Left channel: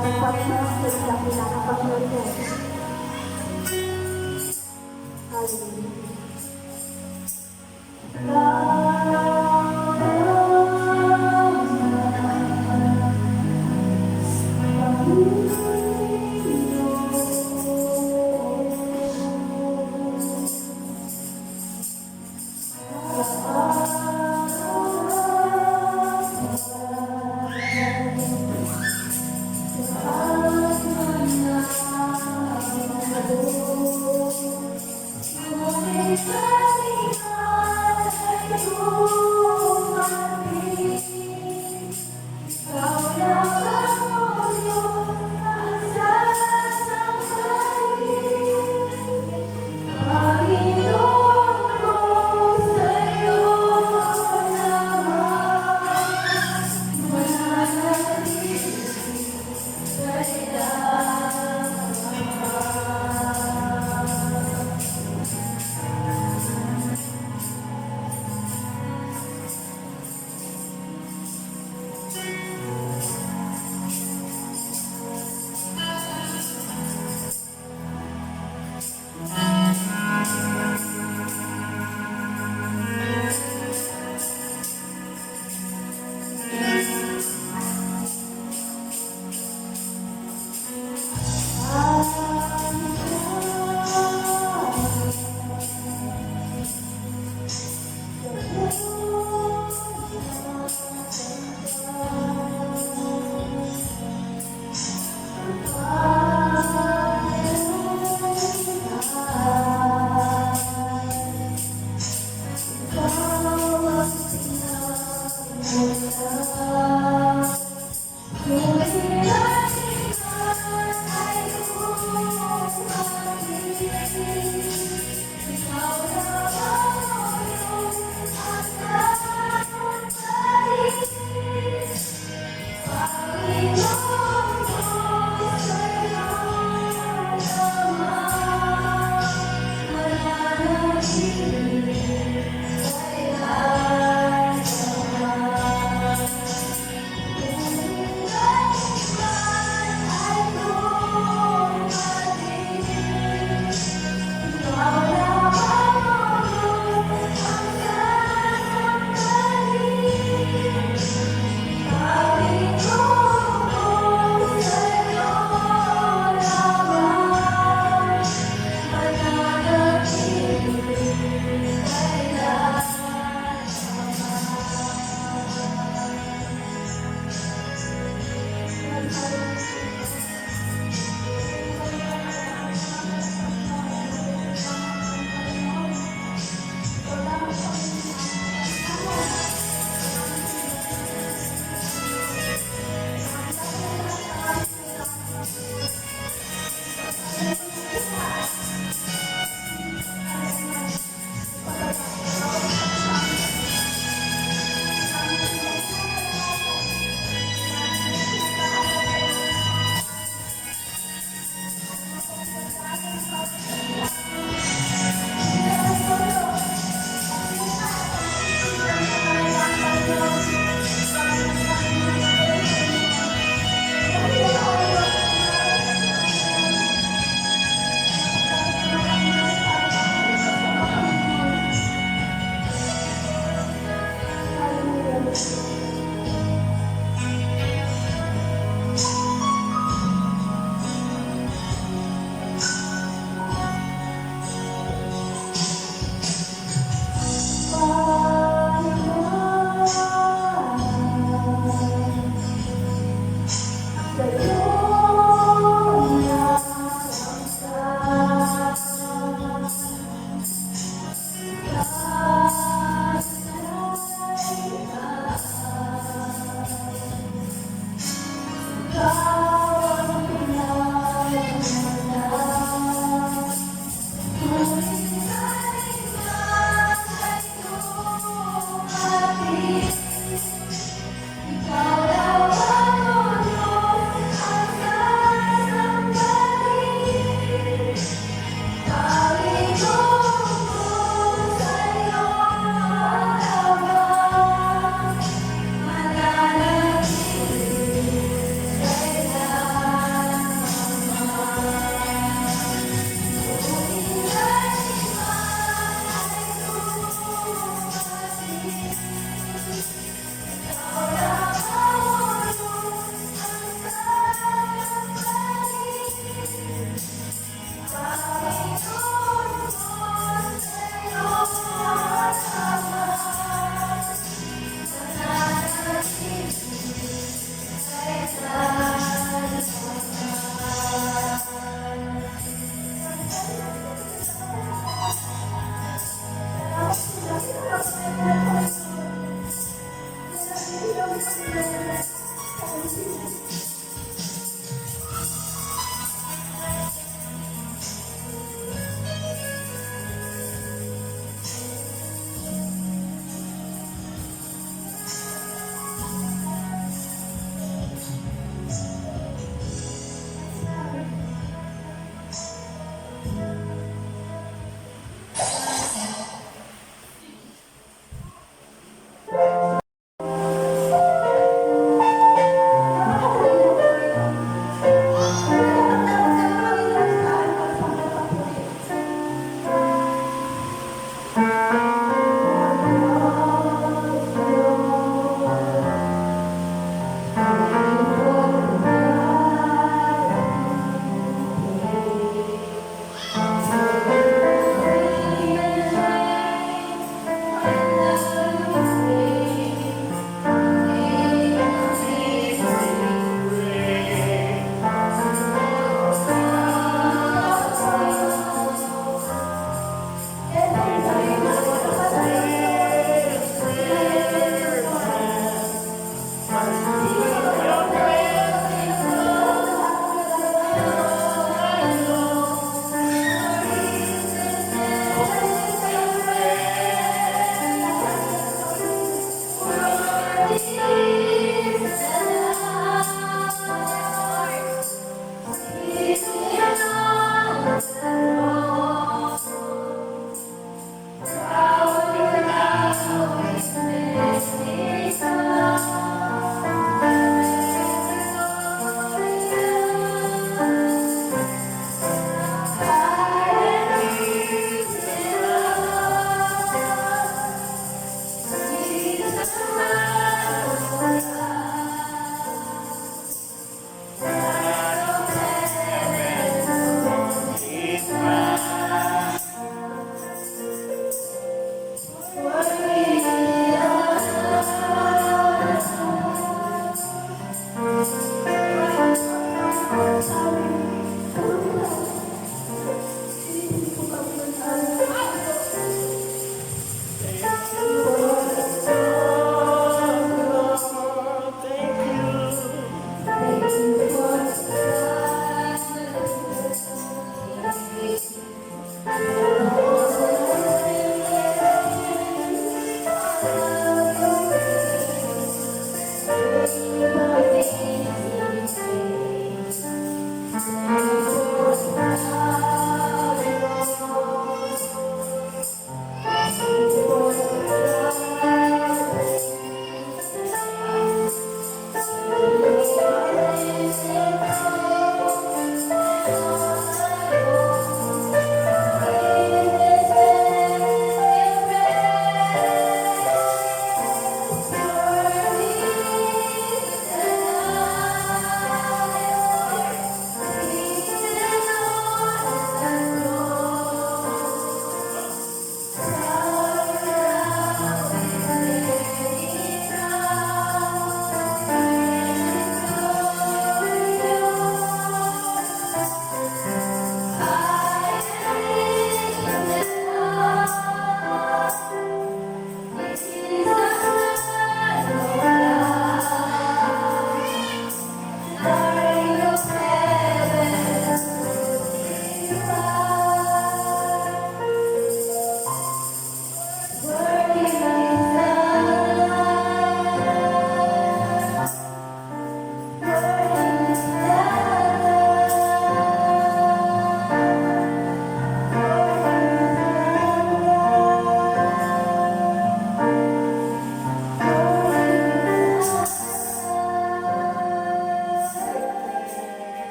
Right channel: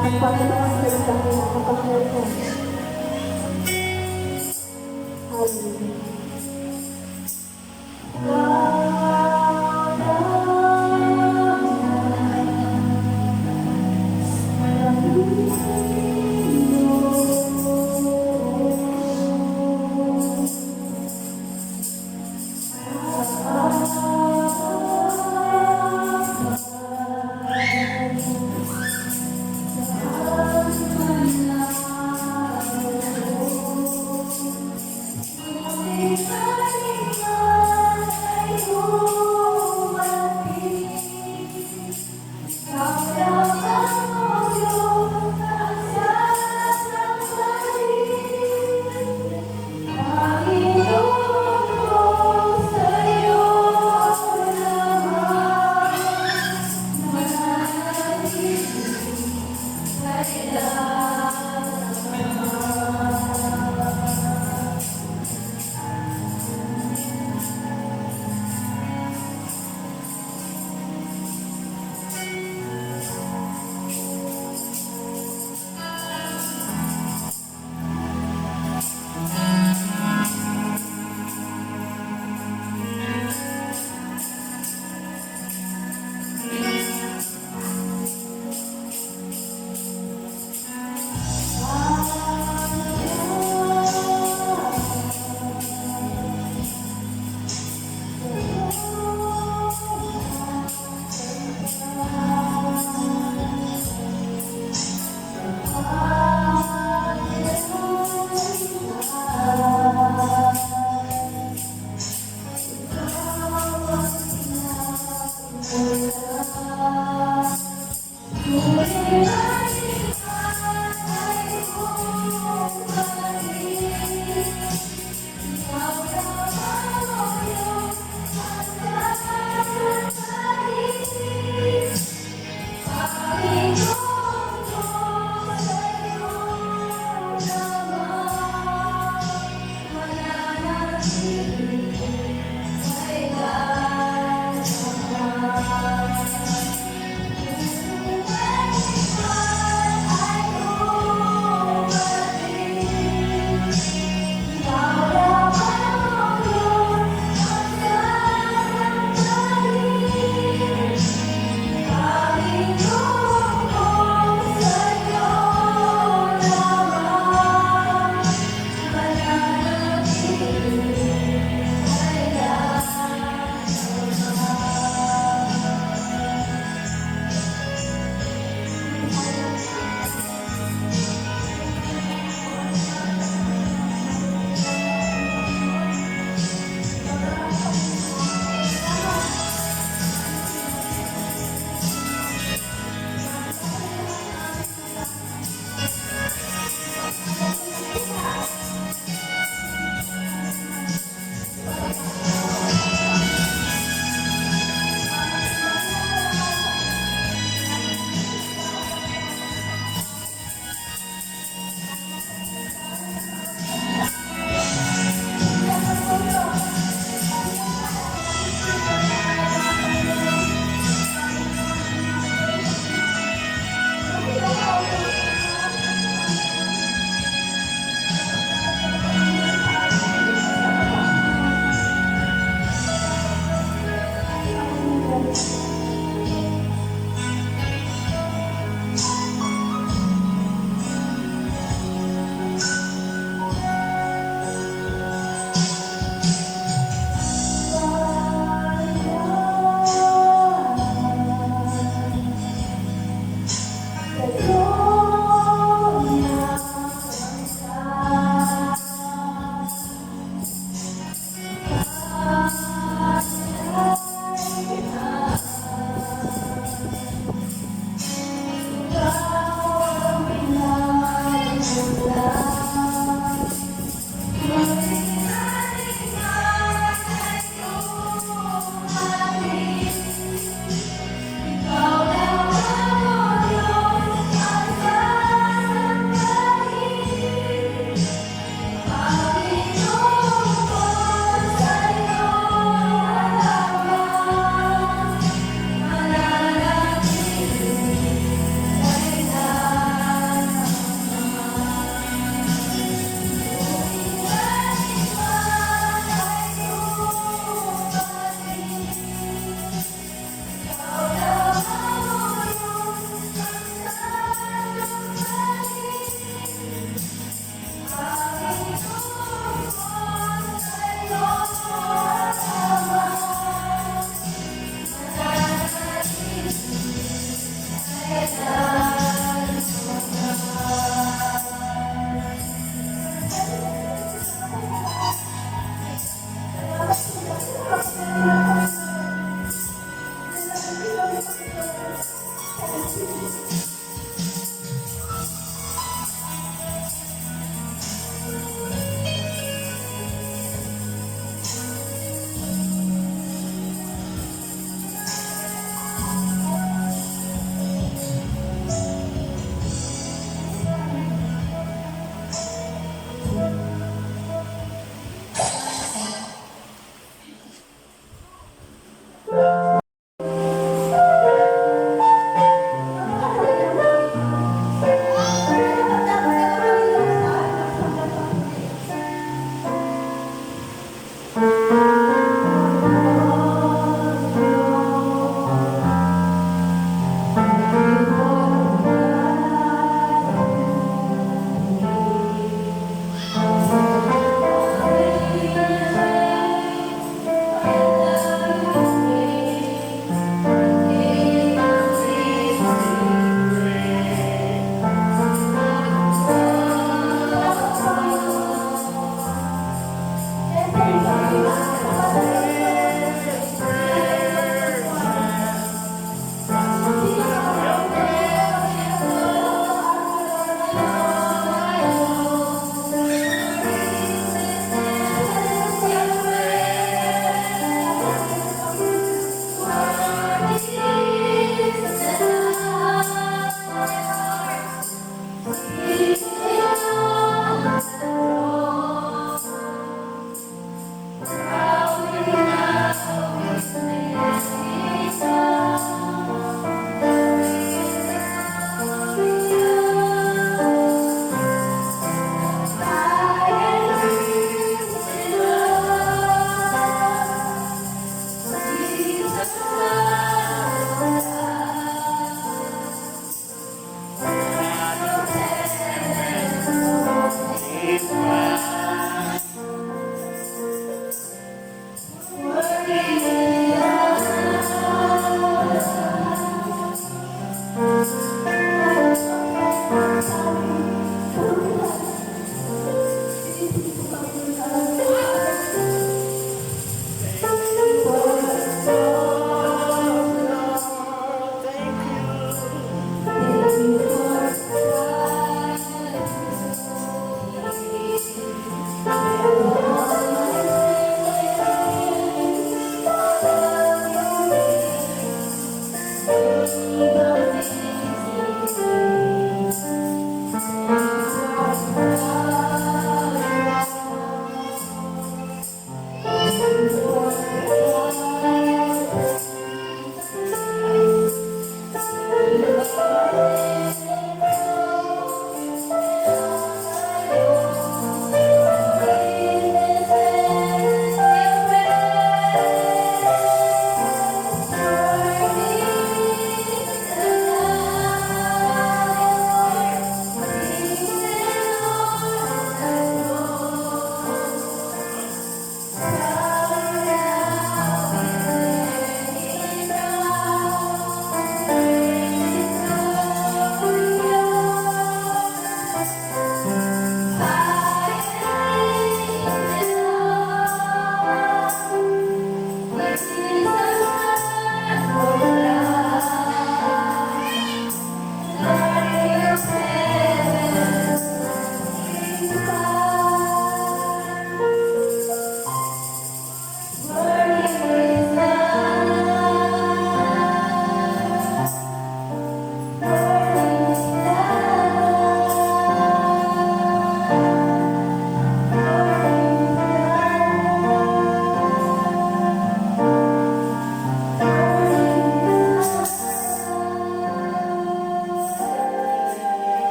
Salamat Panginoon sa iyong dakila na Panginoon. Hallelujah.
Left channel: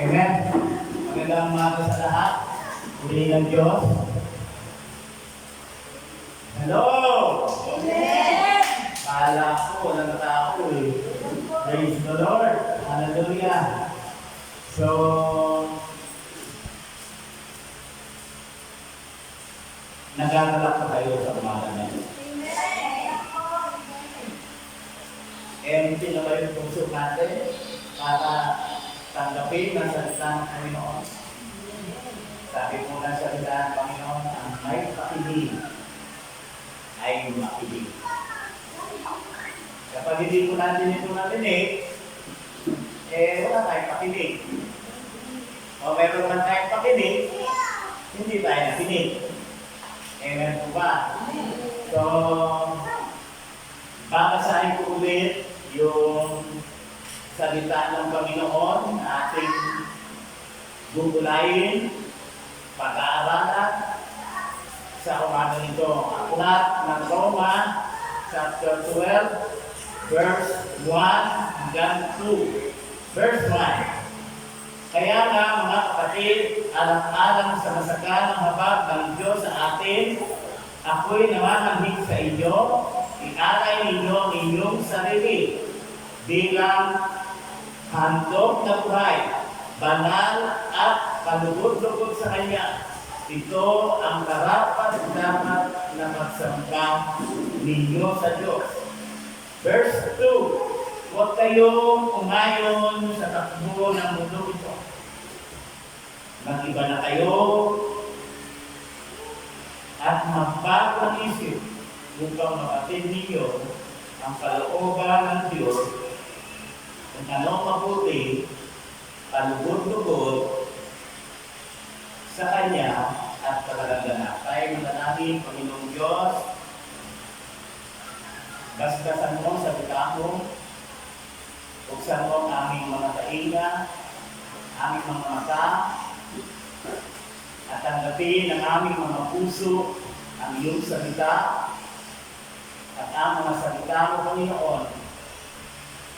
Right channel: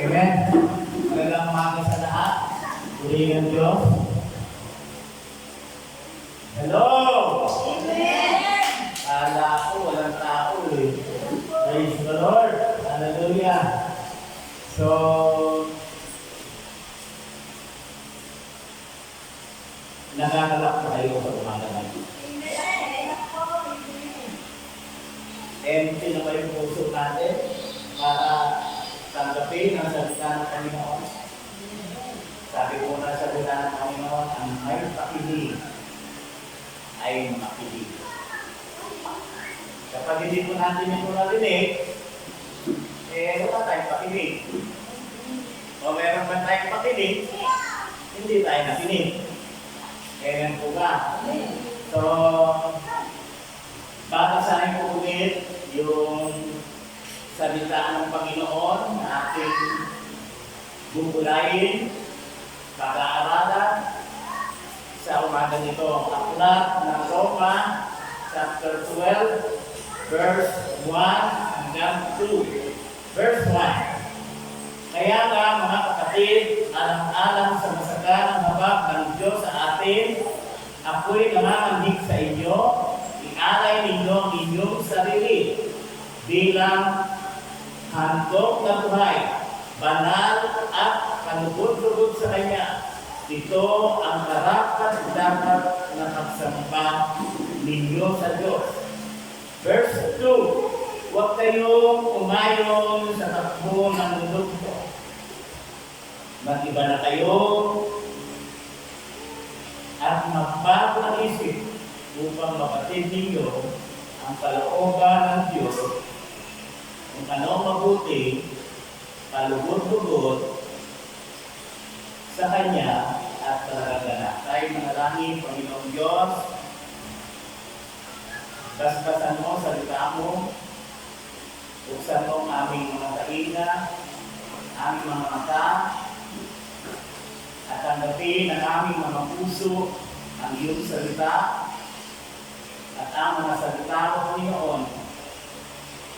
Amen. Magandang umaga sa lahat. Purihin ang Diyos. Hello! Amen. Kala ko walang tao eh. Praise the Lord. Hallelujah. So, nagagalak na kayo sa umaga na yun. Empty na ba yung puso natin para tanggapin ang salita ng Panginoon? Sabi po na salita ng Panginoon, ang may pakinig ay makinig. Kapag hindi po natin ito narinig, wala tayong pakinig. O meron man tayong pakinig, hindi tayo nakinig. Amen po ba? So, babasahin ko ulit yung salita ng Panginoon na ating gugulayin, pag-aaralan sa umaga nito. Aklat ng Roma, chapter 12, verse 1 hanggang 2. Verse 1. Kaya nga mga kapatid, alang-alang sa masaganang habag ng Diyos sa atin, ako'y namamanhik sa inyo, i-alay ninyo ang inyong sarili bilang handog na buhay, banal at palugod-lugod sa Kanya. Ito ang karapat-dapat na pagsamba ninyo sa Diyos. Verse 2. Huwag kayong umayon sa takbo ng mundo ito. Mag-iba na kayo at magbago ng isip upang mapatid ninyo ang kalooban ng Diyos kung anong mabuti, palugod-lugod sa Kanya at talagang ganap. Tayo manalangin, Panginoong Diyos, basbasan mo sa salita mo, buksan mo ang aming mga tainga, aming mga mata, at tanggapin ang aming mga puso, ang iyong salita, at ang mga salita mo, Panginoon,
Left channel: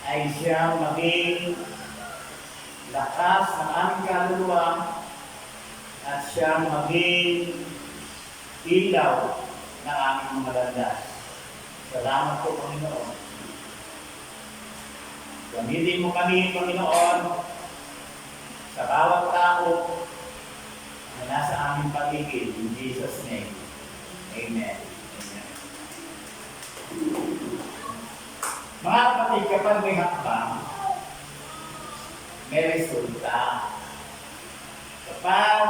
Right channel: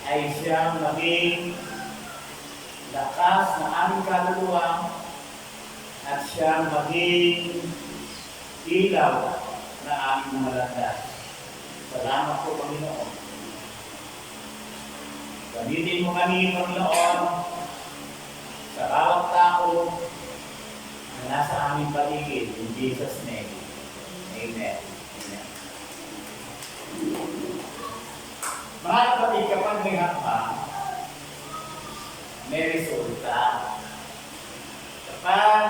ay siyang maging lakas ng aming kaluluwa at siyang maging ilaw ng aming mga landas. Salamat po, Panginoon. Gamitin mo kami, Panginoon, sa bawat tao na nasa aming paligid. In Jesus' name. Amen. Amen. Mga kapatid, kapag may hakbang, may resulta. Kapag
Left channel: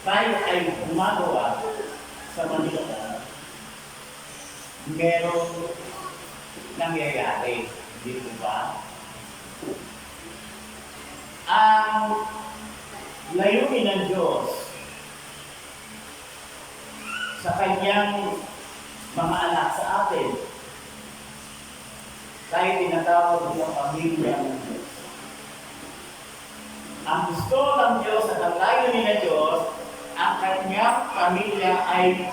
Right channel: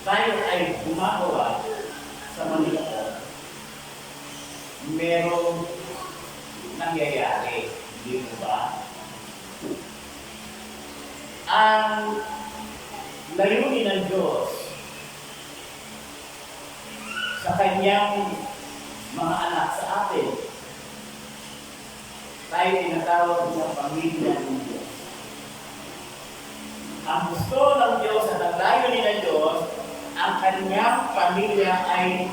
tayo ay gumagawa sa Panginoon, merong nangyayari. Hindi po ba? Ang layunin ng Diyos sa Kanyang mga anak sa atin, tayo tinatawag ng pamilya ng Diyos. Ang gusto ng Diyos at ang layunin ng Diyos, ang Kanyang pamilya ay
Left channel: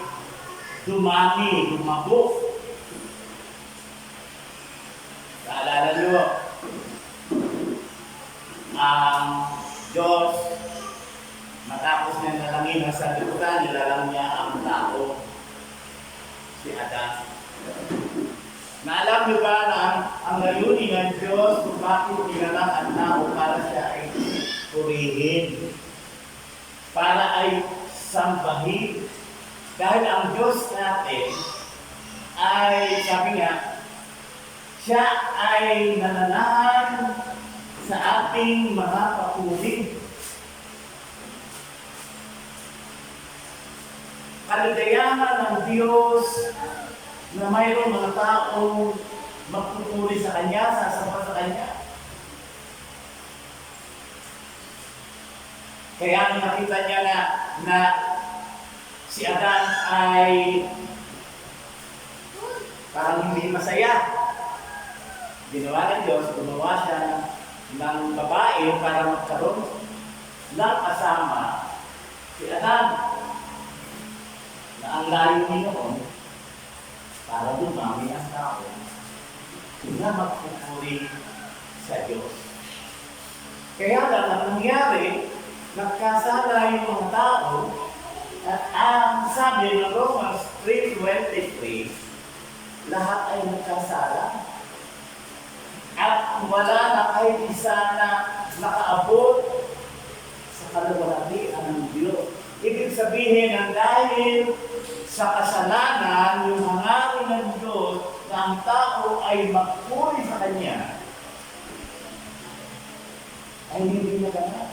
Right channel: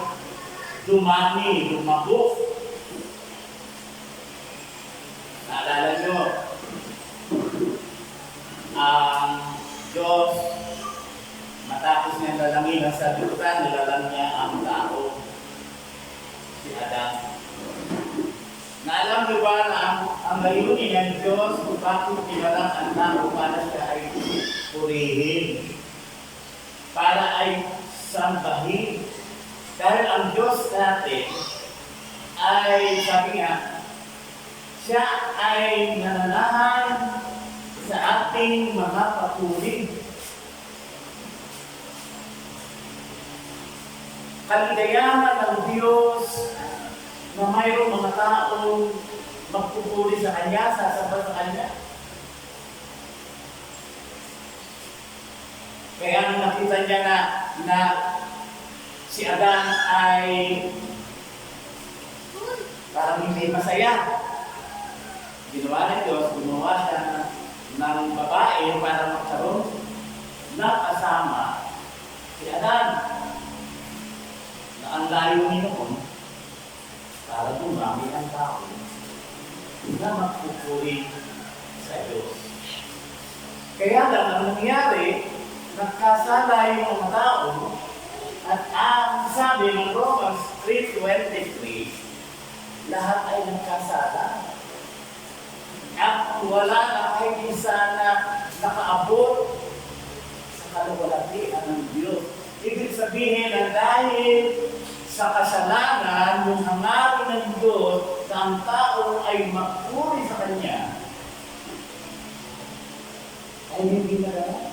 dumami, lumabok. Naalala nyo, ang Diyos, matapos na nilalangin ang sagutan, nilalang niya ang tao, si Adan. Naalam niyo ba na ang layunin ng Diyos kung bakit nilalang ang tao para siya ay purihin, para ay sambahin? Dahil ang Diyos natin ay, sabi nga, siya ay nananahan sa ating mga papuri. Kaligayahan ng Diyos na mayroong mga taong magpupuri sa Kanya, sasamba sa Kanya. Kaya nung nakita niya na si Adan ay parang hindi masaya, ginawa ng Diyos, gumawa siya ng babae para magkaroon ng kasama si Adan. Na ang layunin noon, para dumami ang tao na magpupuri sa Diyos. Kaya lang ang nangyari, nagkasala yung mga tao at ang sabi ng Romans 3:23, lahat ay nagkasala. At wala na kahit isa na nakaabot sa kaluwalhatian ng Diyos. Ibig sabihin na dahil sa kasalanan, yung hangarin ng Diyos na ang tao ay magpuri sa Kanya, ay hindi naganap.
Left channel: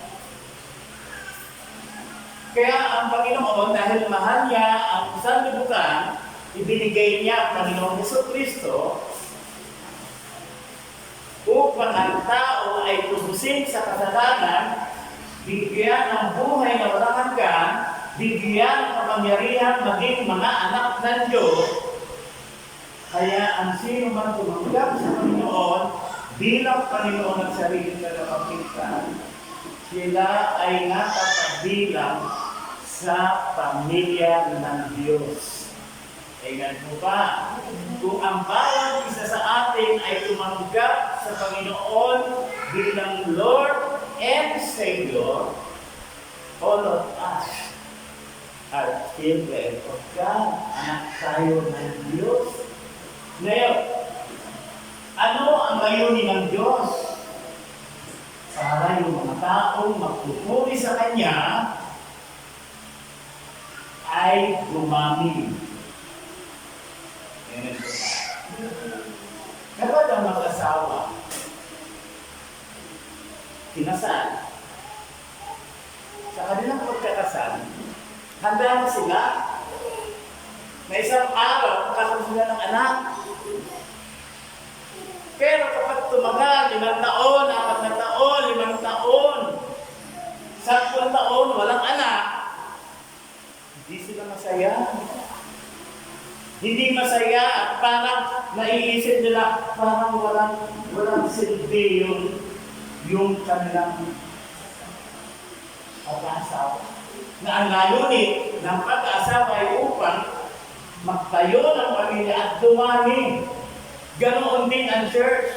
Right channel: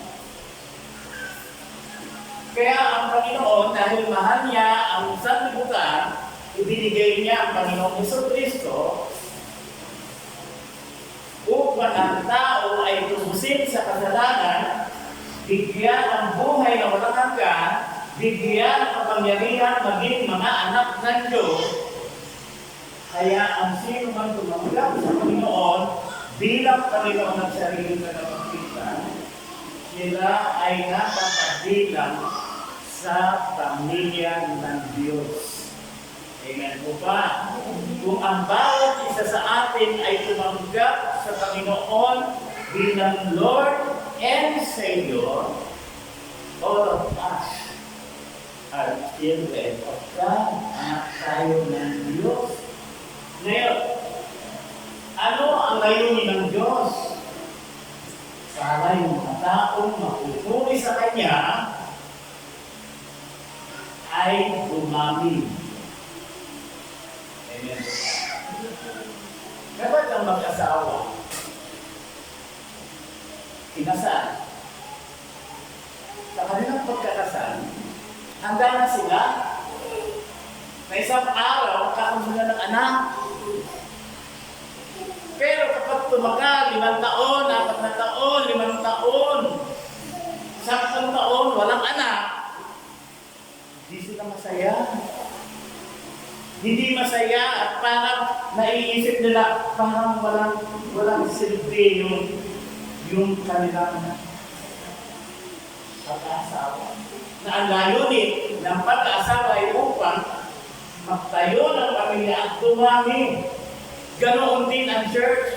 Kaya ang Panginoon, dahil mahal niya ang sanlibutan, ibinigay niya ang Panginoong Jesucristo upang ang tao ay tubusin sa kasalanan, bigyan ng buhay na walang hanggan, bigyan ng kapangyarihan maging mga anak ng Diyos. Kaya ang sino man tumanggap sa Panginoon bilang Panginoon ng sariling tagapagligtas, sila ay napapabilang sa pamilya ng Diyos. Amen po ba? Kung ang bawat isa sa atin ay tumanggap sa Panginoon bilang Lord and Savior, all of us are children of God. Anak tayo ng Diyos. Ngayon, ano ang layunin ng Diyos? Para yung mga taong magpupuri sa Kanya ay dumami. Amen. Kapag ang mag-asawa, kinasal, sa kanilang pagkakasal, handa na sila na isang araw magkakaroon sila ng anak. Pero kapag tumagal, 5 taon, 4 na taon, 5 taon, 10 taon, walang anak, hindi sila masaya. Hindi masaya at parang naiisip nila, parang walang silbi yung kanilang pag-aasawa. Na ang layunin ng pag-aasawa ay upang magtayo ng pamilya at dumami. Ganoon din ang church.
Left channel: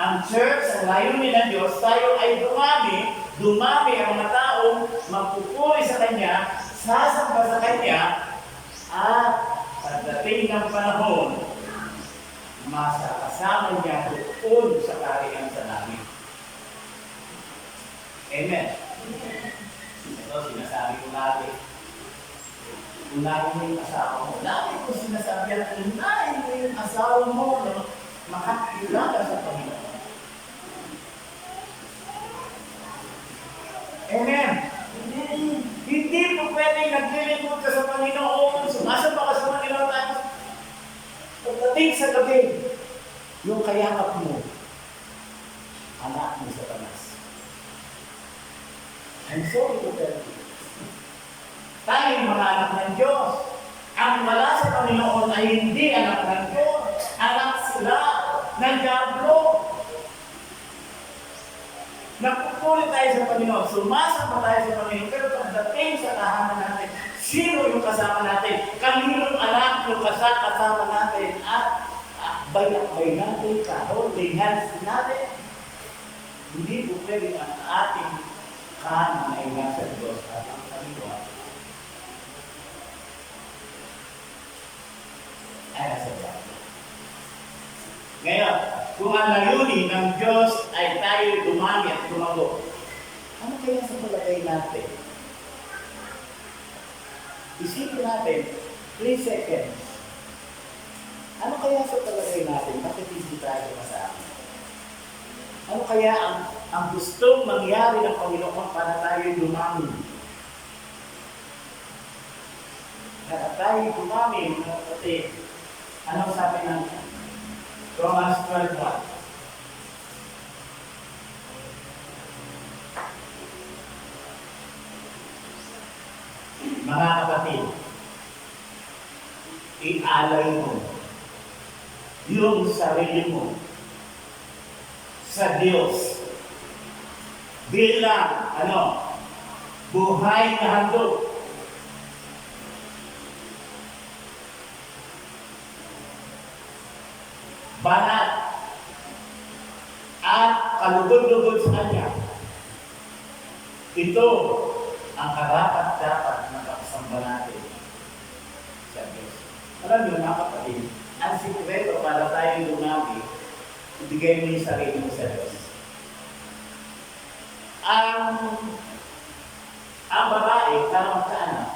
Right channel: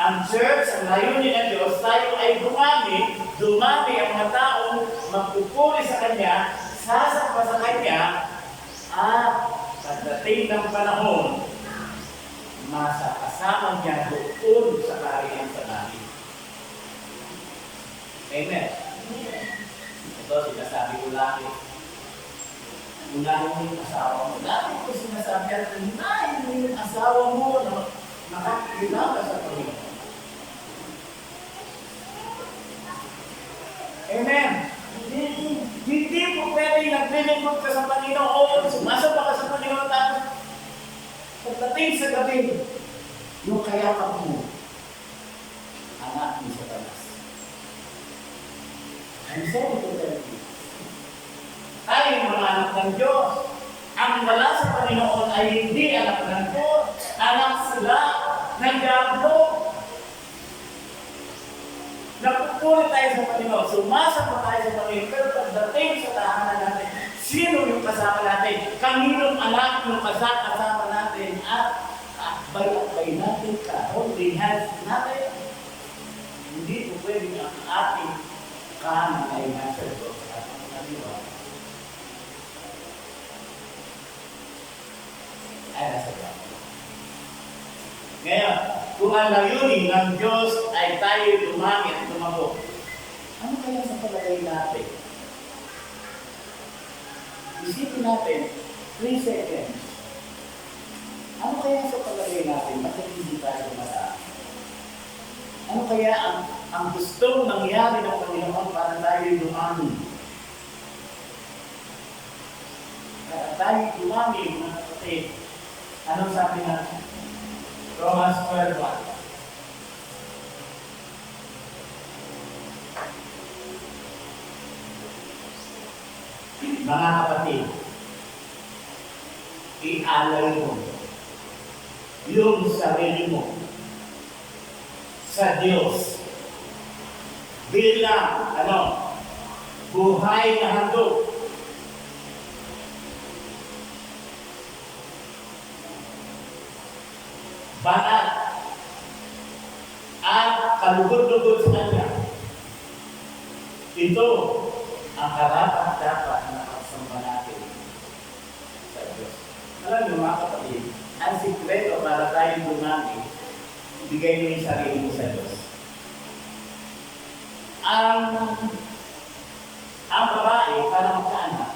Ang church, ang layunin ng Diyos, tayo ay dumami ang mga taong magpupuri sa Kanya, sasamba sa Kanya, at pagdating ng panahon, masakasama niya doon sa kaharian sa langit. Amen. Ito, sinasabi ko lagi. Unahin mo yung asawa mo. Lagi ko sinasabi at unahin mo yung asawa mo na makakilala sa Panginoon. Amen. Hindi po pwede naglilingkod ka sa Panginoon, sumasamba ka sa Panginoon, tapos pagdating sa gabi, yung kayakap mo, anak mo sa tanas. I'm sorry to tell you. Tayo mga anak ng Diyos. Ang wala sa Panginoon ay hindi anak ng Diyos. Anak sila ng Diablo. Nagpupuri tayo sa Panginoon, sumasamba tayo sa Panginoon, pero pagdating sa tahanan natin, sino yung kasama natin? Kaninong anak yung kasama natin? At akbay-akbay natin, ka-holding hands natin. Hindi po pwede ang ating kanan ay nasa Diyos at ang kaliwa ay nasa Diyos. Ngayon, kung ang layunin ng Diyos ay tayo dumami at tumago, ano kaya sa palagay natin? Isipin natin, 3 seconds. Ano kaya sa palagay natin? Bakit hindi tayo masama? Ano kaya ang gustong mangyari ng Panginoon para tayo dumami? Para tayo dumami, mga kapatid, anong sabi natin? Romans 12:1. Mga kapatid, ialay mo yung sarili mo sa Diyos bilang buhay na handog. Banal at kalugod-lugod sa Kanya Ito ang karapat-dapat na pagsamba natin sa Diyos. Alam niyo mga kapatid, ang sikreto para tayong dumami, ibigay mo yung sarili mo sa Diyos. Ang babae, para magkaanak,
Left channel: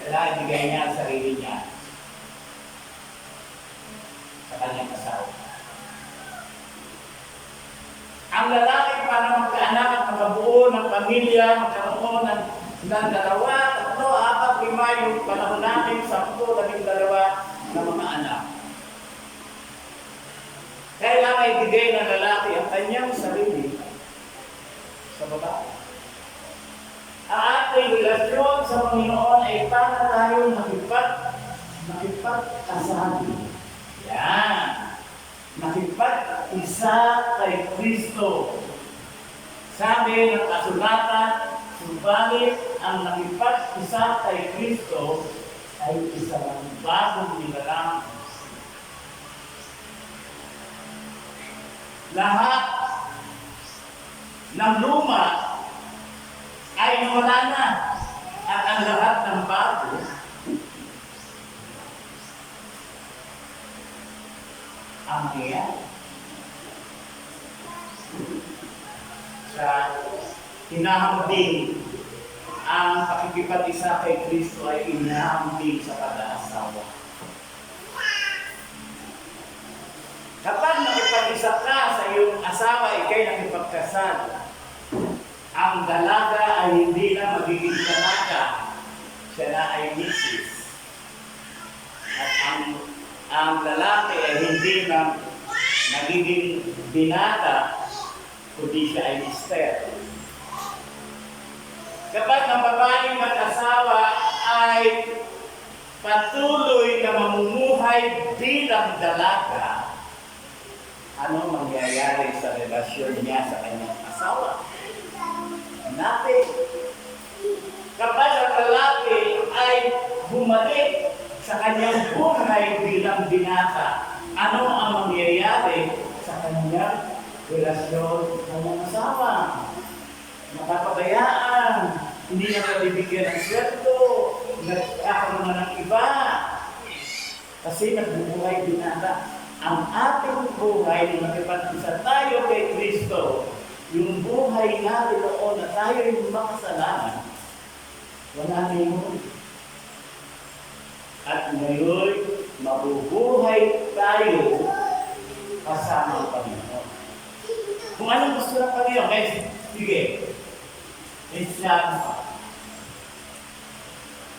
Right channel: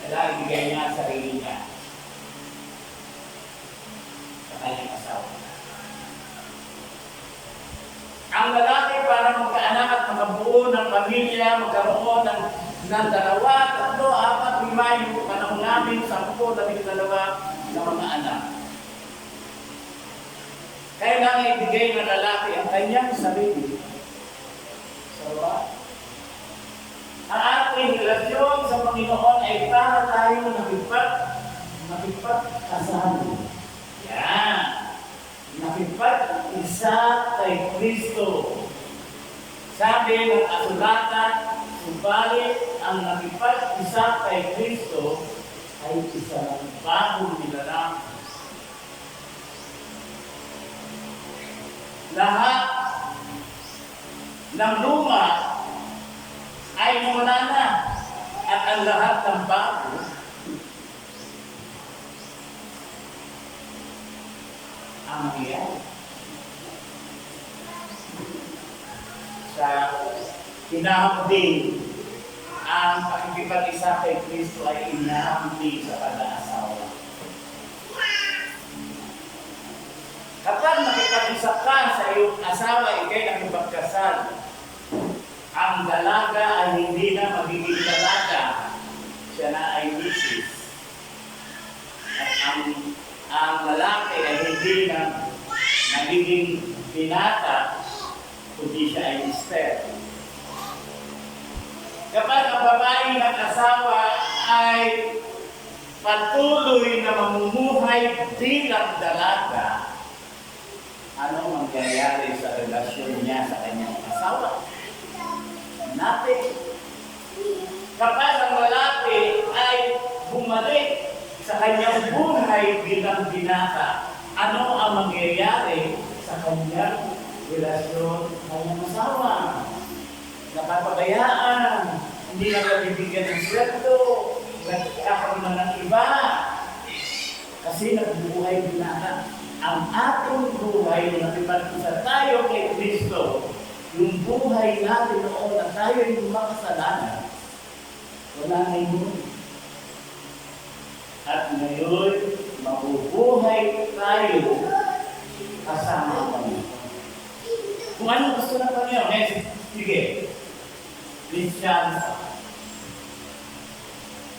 kailangan ibigay niya ang sarili niya sa kanyang asawa. Ang lalaki, para magkaanak at makabuo ng pamilya, magkaroon ng 2, 3, 4, 5, yung panahon natin, 10, 12 na mga anak. Kailangan ibigay ng lalaki ang kanyang sarili sa babae. Ang ating relasyon sa Panginoon ay para tayo nakipag-asabi. Yan. Nakipag-isa kay Kristo. Sabi ng kasulatan, subalit ang nakipag-isa kay Kristo ay isang bagong nilalang. Lahat ng luma ay nawala na at ang lahat ng bago ang mangyayari. Sa hinahambing ang pakikipag-isa kay Kristo ay inihahambing sa pag-aasawa. Kapag nakipag-isa ka sa iyong asawa, ikay nakipagkasal, ang dalaga ay hindi na magiging dalaga, siya na ay misis. At ang lalaki ay hindi na nagiging binata, kundi siya ay mister. Kapag ang babaeng nag-asawa ay patuloy na mamumuhay bilang dalaga, ano mangyayari sa relasyon niya sa kanyang asawa? Natin. Kapag ang lalaki ay bumalik sa kanyang buhay bilang binata, ano ang mangyayari sa kanyang relasyon sa kanyang asawa? Napapabayaan, hindi na nabibigyan ng sweldo, nagkakaroon na ng iba, kasi nagbubuhay binata. Ang ating buhay na nakipag-isa tayo kay Kristo, yung buhay natin noon na tayo yung makasalanan, wala na yun. At ngayon, mabubuhay tayo kasama ang Panginoon. Kung anong gusto ng Panginoon, sige, Christian,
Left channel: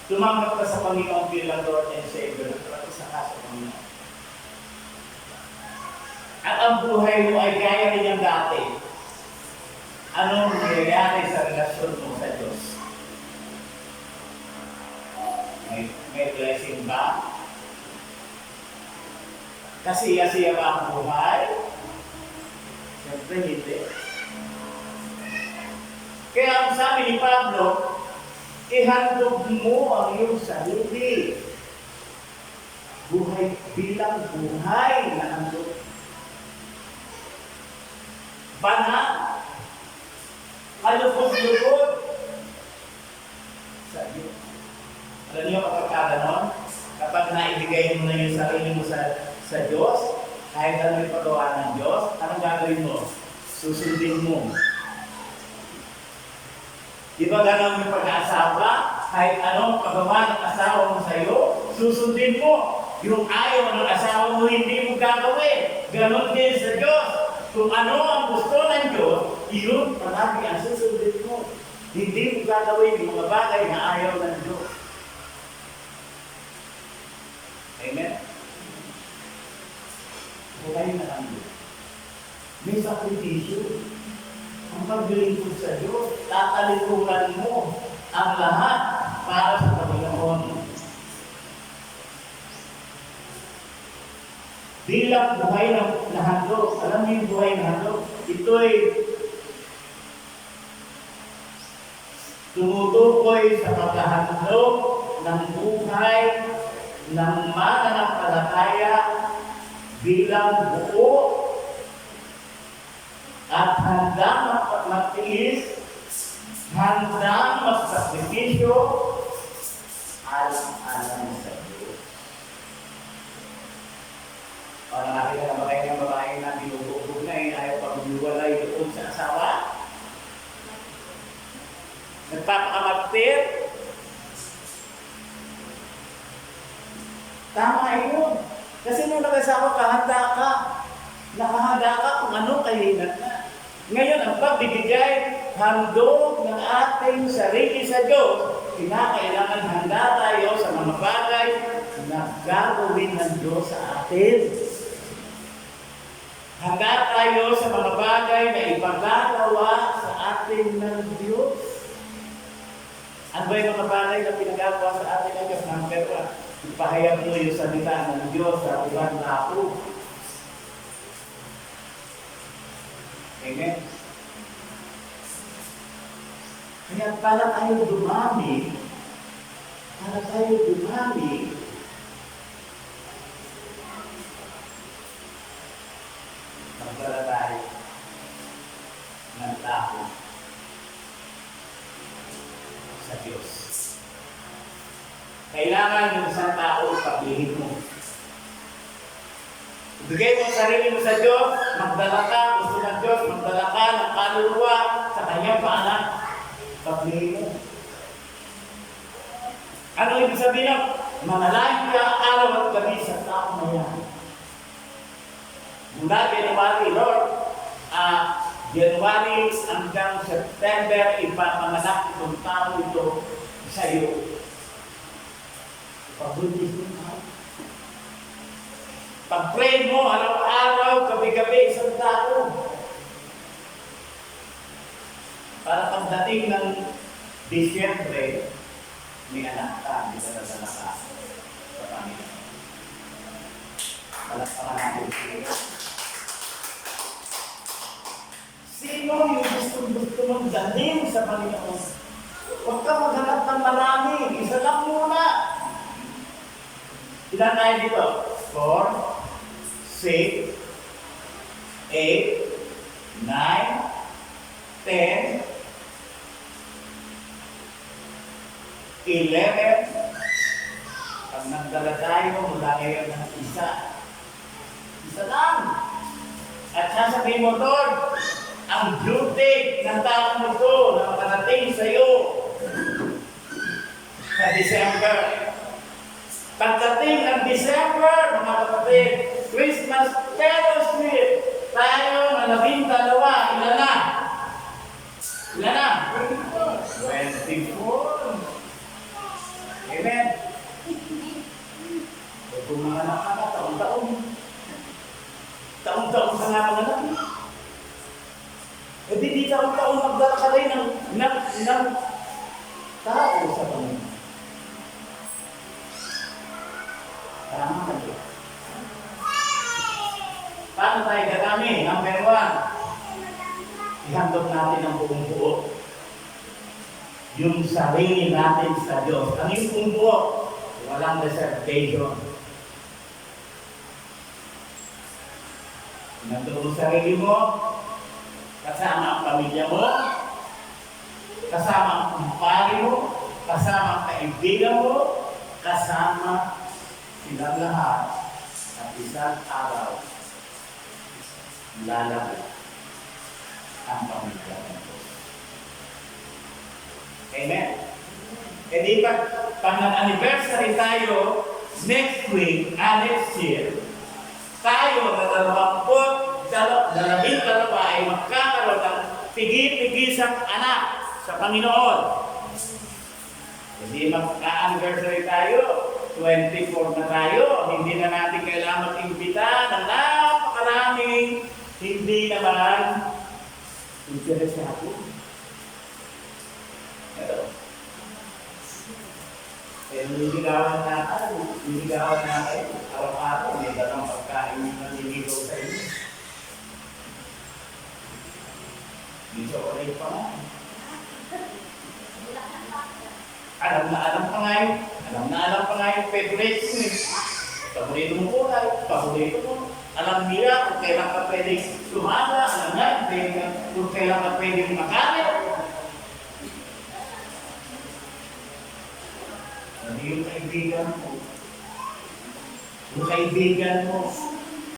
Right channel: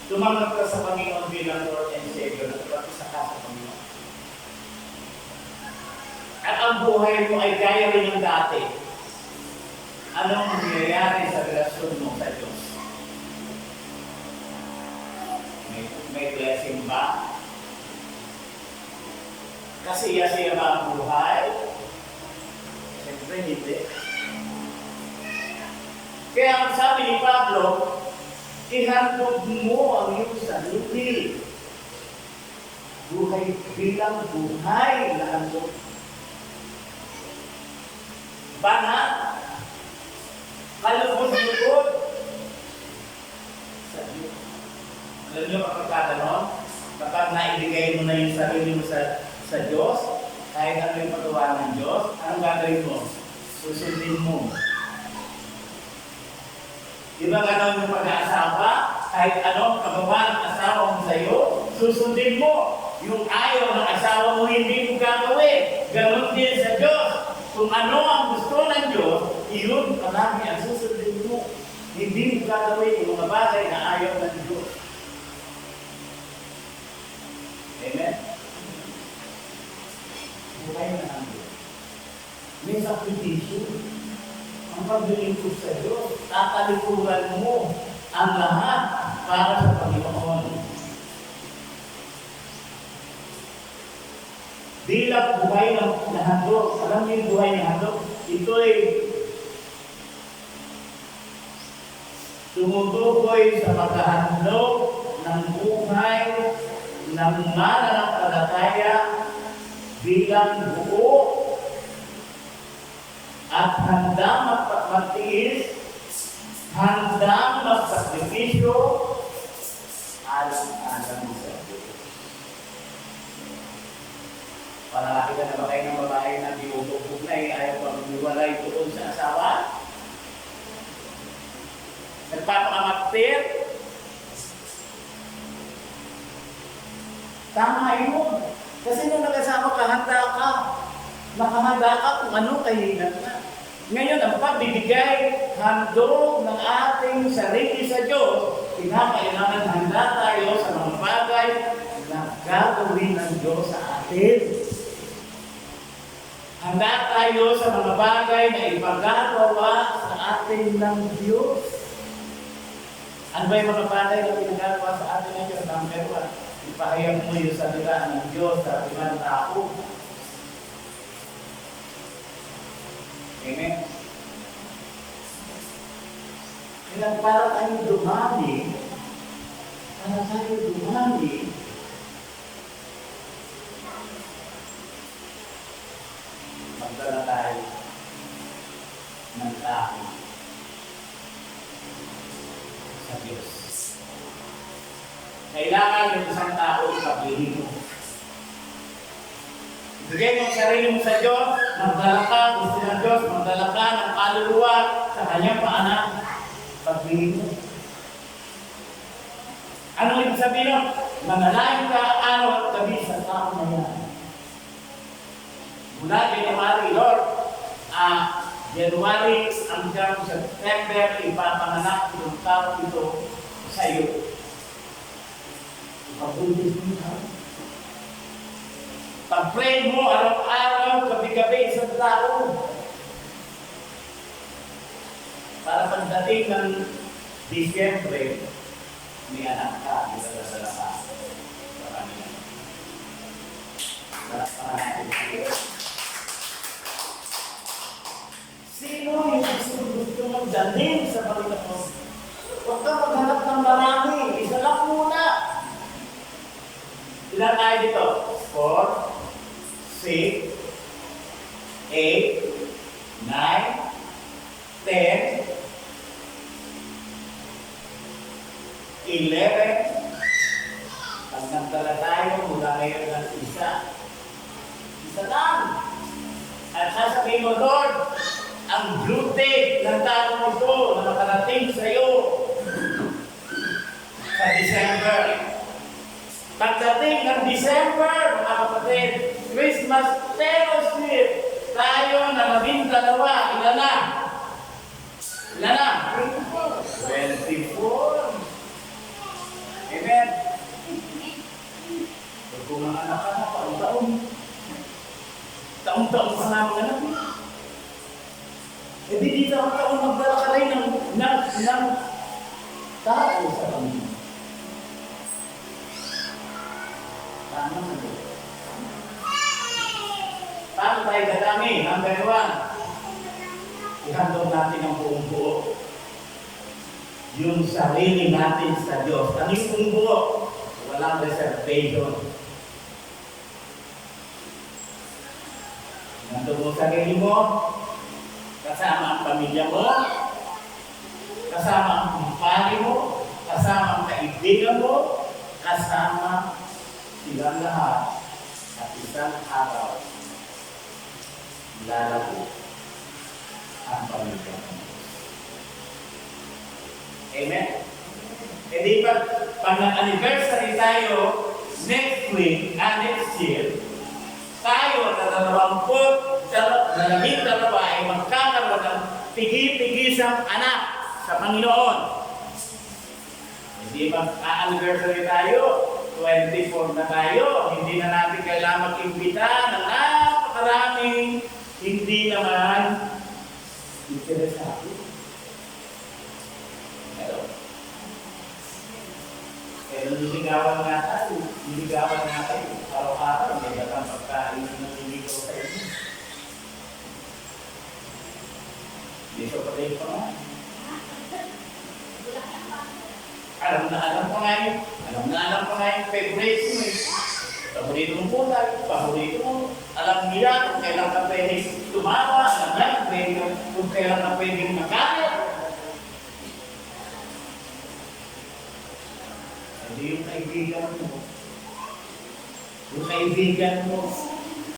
tumanggap ka sa Panginoon bilang Lord and Savior, nakipag-isa ka sa Panginoon. At ang buhay mo ay gaya rin ng dati. Anong nangyayari sa relasyon mo sa Diyos? May blessing ba? Kasiya-siya ba ang buhay? Siyempre hindi. Kaya ang sabi ni Pablo, ihandog mo ang iyong sarili. Buhay bilang buhay na handog. Banat, kalubog-lubog sa Diyos. Alam niyo kapag ganon, kapag naibigay mo na yung sarili mo sa Diyos, kahit ano yung pagawa ng Diyos, anong gagawin mo? Susundin mo. Di ba ganon yung pag-aasawa? Kahit anong pagawa ng asawa mo sa iyo, susundin mo. Yung ayaw ng asawa mo, hindi mo gagawin. Ganon din sa Diyos. Kung ano ang gusto ng Diyos, iyon palagi ang susundin mo. Hindi mo gagawin yung mga bagay na ayaw ng Diyos. Amen? Buhay na ang Diyos. May sakripisyo. Ang paglilingkod sa Diyos, tatalikuran mo ang lahat para sa Panginoon. Bilang buhay na handog. Alam niyo yung buhay na handog? Ito'y tumutukoy sa paghahandog ng buhay ng mananampalataya bilang buo at handa magtiis handang magsakripisyo alam-alam sa Diyos. O nakakita na ba kayo ng babae na binubog na ayaw pang luwalay doon sa asawa? Nagpapakamaktir? Tama yun. Kasi nung nag-asawa ka, handa ka. Nakahanda ka kung ano kahinan na. Ngayon, ang pagbibigay, handog ng ating sarili sa Diyos, kinakailangan handa tayo sa mga bagay na gagawin ng Diyos sa atin. Handa tayo sa mga bagay na ipagagawa sa atin ng Diyos. Ano ba yung mga bagay na pinagagawa sa atin ng Diyos? Number 1, ipahayag mo yung salita ng Diyos sa ibang tao. Amen? Kaya para tayo dumami, magdala tayo ng tao sa Diyos. Kailangan yung isang tao ipaglihim mo. Ibigay mo ang sarili mo sa Diyos, magdala ka, gusto ng Diyos, magdala ka ng kaluluwa sa kanyang paanak. Paglihim mo. Ano ibig sabihin nun? Manalangin ka araw at gabi sa tao na yan. Mula January, Lord, January hanggang September, ipapanganak itong tao ito sa iyo. Ipagundis mo ka. Pag-pray mo araw-araw, gabi-gabi, isang tao. Para pagdating ng Disyembre, may anak ka, dinadala ka sa Panginoon. Palakpakan natin siya. Sino yung gusto mong dalhin sa Panginoon? Huwag ka maghanap ng marami. Isa lang muna. Ilan tayo dito? 4, 6, 8, 9, 10, 11. Pag nagdala tayo mula ngayon ng isa lang. At sasabihin mo, Lord, ang duty ng tao mo ito na makarating sa iyo sa December. Pagdating ng December, mga kapatid, Christmas fellowship, tayo na maging dalawa. Ilan na? Ilan na? 24. Amen. Kung mga anak ka na, taon-taon. Taon-taon ka nga mga anak. E di taon-taon magdala ka rin ng tao sa Panginoon. Tama ka doon. Paano tayo dadami? Number 1, ihandog natin ang buong buo. Yung sarili natin sa Diyos. Ano yung buong buo? Walang reservation. Nandun mo sarili mo, kasama ang pamilya mo, kasama ang kumpare mo, kasama ang kaibigan mo, kasama silang lahat at isang araw lalago ang pamilya mo. Amen? E di pag nag-anniversary tayo next week, next year, tayo na 22 ay magkakaroon ng pigi-pigisang anak sa Panginoon. Hindi mag-anniversary tayo, 24 na tayo, hindi na natin kailangan mag-imbita ng napakaraming hindi naman interesado. Ito. Kaya nililigawan na tayo, araw-araw, may dalang pagkain na nililigaw sa inyo. Dito ko rin pa nga. Alam pa nga yung favorite mo eh. Paborito mong kulay, paborito mo. Alam nila kung kailan ka pwedeng tumawa, alam niya kung kailan ka pwedeng magalit. Hindi yung kaibigan mo. Yung kaibigan mo,